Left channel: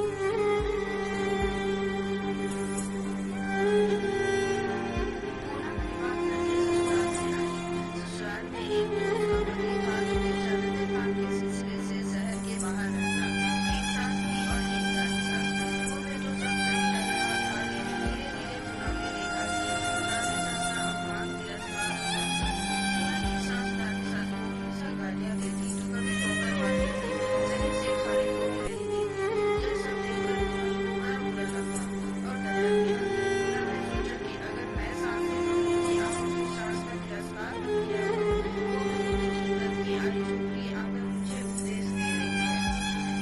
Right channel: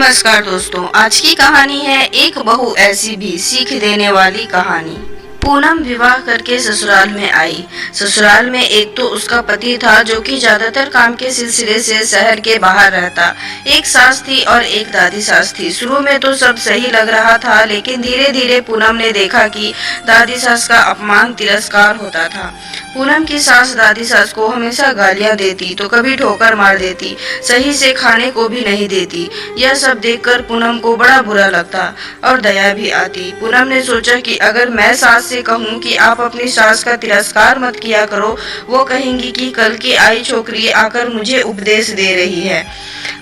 नमस्कार दोस्तों, आज की कहानी है एक बहू ऐसी भी सीख देने वाली कहानी। पूनम विवाह करके ससुराल में आई। ससुराल में एक तो उसका पति था जो कि ज्यादातर काम के सिलसिले से शहर के बाहर रहता। एक सास थी और एक दादी सास थी। शुरू में तो सब सही लग रहा था, लेकिन धीरे धीरे पूनम ने देखा कि दादी सास का अपमान तिरस्कार होता था। पूनम की सास दादी सास को हमेशा गालियां देती तो कभी ठोकर मार देती, सही से खाने को भी नहीं देती। यह सब देखकर पूनम को बड़ा बुरा लगता और दया भी आती। पूनम ने सोचा कि अगर मैं सास से कहूँ कि आप अपनी सास का तिरस्कार मत किया करो, वो कहेंगी कि कल की आई छोकरी आकर मुझे उपदेश दे रही है,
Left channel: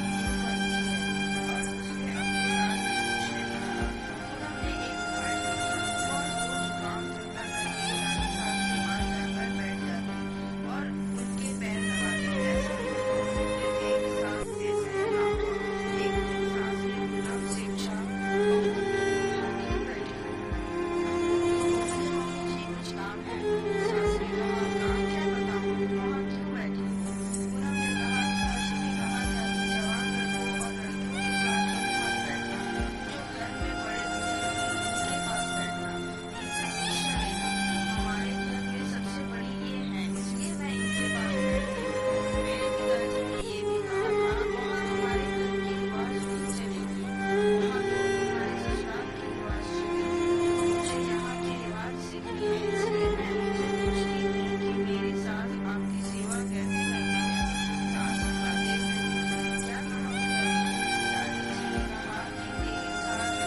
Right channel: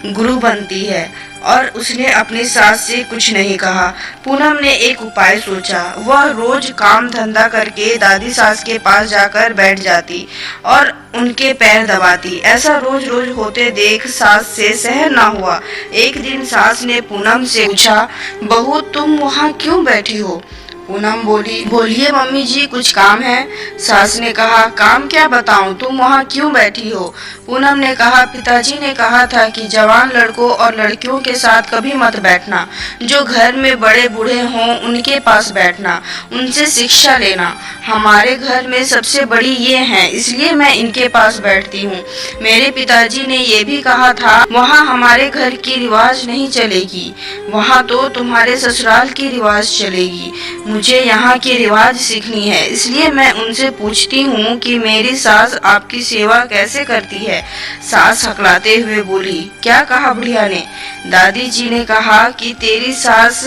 गुरु बनती है। और उसने अपनी सास से कुछ नहीं कहा। पूनम ने एक उपाय सोचा। वह रोज काम धंधा करके दादी सास के पास जाकर बैठ जाती और उनके पैर दबाती। ऐसा रोज रोज होते देख सास से सहन न हुआ। एक दिन सास ने पूनम से पूछा, बहू तुम वहाँ क्यों बैठी हो? पूनम बोली, बोलिए मम्मी जी, कुछ काम है? सास ने कहा, काम क्या बताऊं, तुम वहाँ क्यों बैठी हो? पूनम ने कहा, पिताजी ने कहा था कि जवान लड़कों और लड़कियों के साथ कभी मत बैठना, जो घर में बड़े बूढ़े हों उनके पास बैठना, उनसे शिक्षा लेना। हमारे घर में सबसे बड़ी ये हैं, इसलिए मैं इनके पास बैठती हूँ। मेरे पिताजी ने ये भी कहा था, वहाँ हमारे घर की रिवाज नहीं चलेगी, वहाँ तो तुम्हारे ससुराल की रिवाज चलेगी। मुझे यहाँ की रिवाज सीखनी है, इसलिए मैं उनसे पूछती हूँ कि मेरी सास आपकी सेवा कैसे करती है। सास हकलाते हुए बोली, क्या कहा बुढ़िया ने? दादी जी ने कहा कि तेरी सास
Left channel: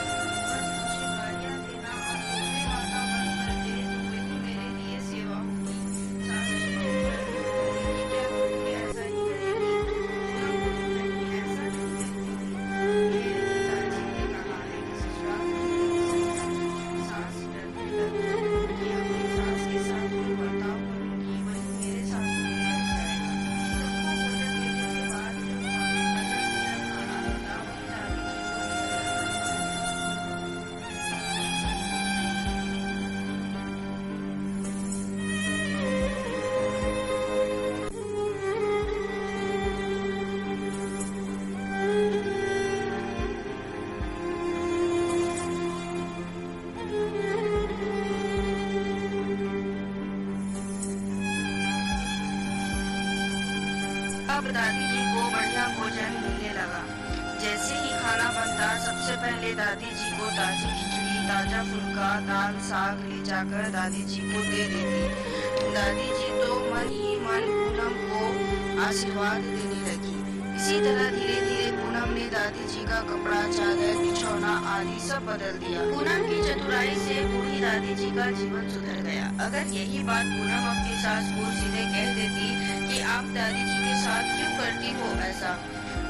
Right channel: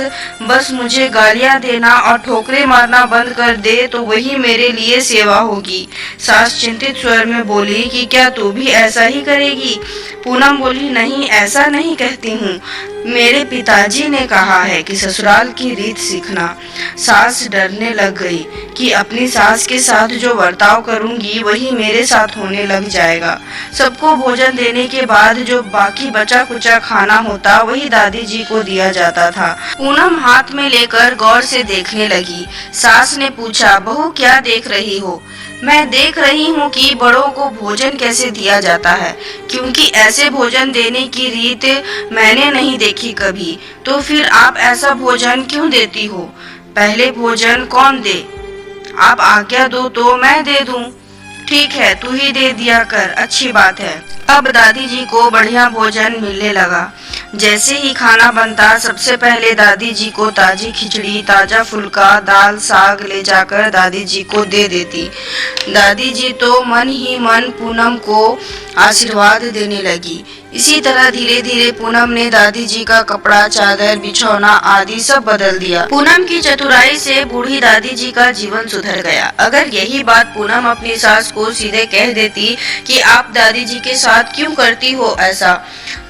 बस मुझे गालियाँ देना और ठोकरे मारना बंद कर दे तो वही मेरे लिए सेवा होगी। सास चिंतित स्वर में बोली कि क्या तू भी ऐसा ही करेगी? पूनम बोली, नहीं, ऐसा नहीं कहती हूँ, मेरे पिताजी ने कहा है कि ससुराल की रीत सीखना। सास डरने लग गई कि अपनी सास के साथ जो बर्ताव करूंगी वही मेरे साथ होने लग जाएगा। सबको भोजन देने के बाद जो बाकी बचा कुचा खाना होता वही दादी जी को दिया जाता था। पूनम हाथ में लेकर गौर से देखने लगी। सास ने पूछा, बहू क्या देख रही हो? मैं देख रही हूँ कि बड़ों को भोजन कैसे दिया जाता है, क्योंकि ऐसे भोजन देने की रीत मैंने नहीं देखी कभी। तो फिर आप ऐसा भोजन क्यों देती हो? पहले भोजन कौन दे? आप आज्ञा दो तो मैं दे दूं। ठीक है, तू ही दे दिया कर, अच्छी बात है। अब दादी जी को बढ़िया भोजन मिलने लगा। जैसे ही खाना बनता, सबसे पहले दादी जी को ताजी खिचड़ी, ताजा फुल्का, दाल, साग ले जाकर दादी जी को दे देती। दादी जी तो मन ही मन पूनम को आशीर्वाद देने लगी। इसी तरह धीरे धीरे पूनम ने दादी जी का कपड़ा, चादर, बिछौना आदि सब बदल दिया। पूनम की चतुराई से बूढ़ी दादी जी का जीवन सुधर गया। अगर यही बात पूनम अपनी सास को सीधे कह देती कि आप दादी जी के साथ क्यों करती हो ऐसा,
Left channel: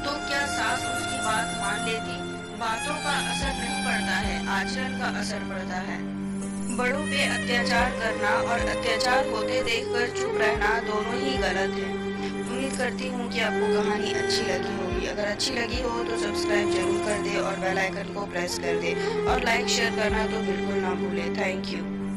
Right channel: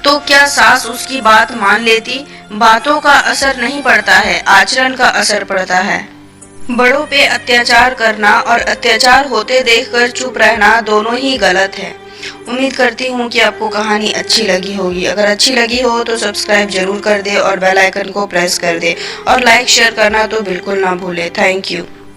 तो क्या सास उसकी बात मान लेती? बातों का असर नहीं पड़ता है, आचरण का असर पड़ता है। बड़ों पे अत्याचार करना और अत्याचार होते देखकर चुप रहना दोनों ही गलत है। उम्मीद करती हूँ कि आपको कहानी अच्छी लगी होगी। अगर अच्छी लगी हो तो सब्सक्राइब जरूर कर दे और बेल आइकन को प्रेस कर दे और लाइक शेयर करना तो बिल्कुल ना भूले। Thank you.